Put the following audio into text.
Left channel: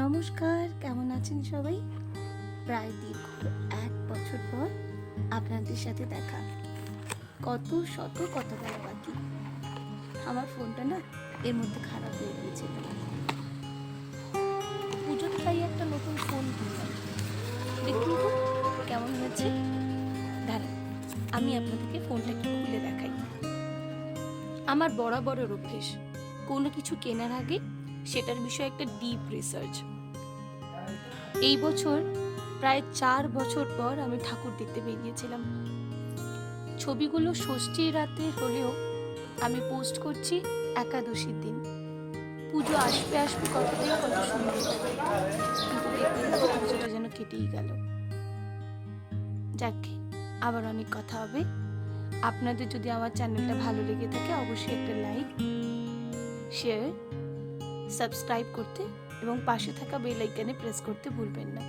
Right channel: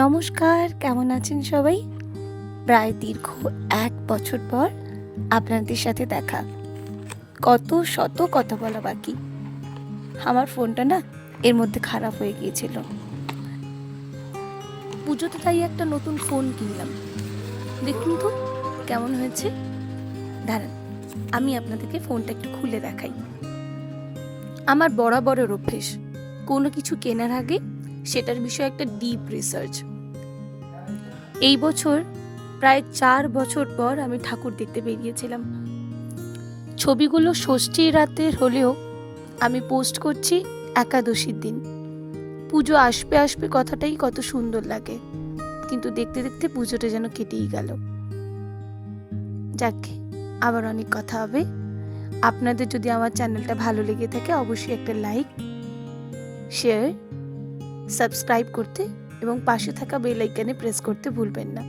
নমস্কার, কেমন আছেন সবাই? প্রায় দীর্ঘ ১ বছর পর আপনাদের সাথে দেখা। কত শত কথা বলা বাকি। আমার ফোনটা না এর মধ্যে খারাপ হয়ে গিয়েছিল। পুজোতে তাই একটা নতুন ফোন কিনলাম। দেখুন তো কেমন হয়েছে? দাঁড়ান, আমি আপনাদেরকে ফোনটা একটু খুলে দেখাই। আমার বরাবরের অভ্যেস, কোনো কিছু কেনার আগে সেটার বিষয়ে একটা ডিপ রিসার্চ। এই বছর প্রায় ৪ বছর পর আমি ঠাকুর দেখতে বেরিয়েছিলাম। ছবিগুলো ষষ্ঠীর রাতের হলেও আমি পোস্ট করছি একাদশীর দিন। পুজো আসবে আসবে কথাটাই কত সুন্দর লাগে, কিন্তু দেখতে দেখতে পুজোটা যেন কেটেই গেল। যাকে আবার অনেক কথা হবে। আপনাদের যদি আমার চ্যানেলটা ভালো লেগে থাকে অবশ্যই একটা লাইক, শেয়ার, সাবস্ক্রাইব করতে এবং পাশে থাকা বেল আইকনে প্রেস করতে ভুলবেন না।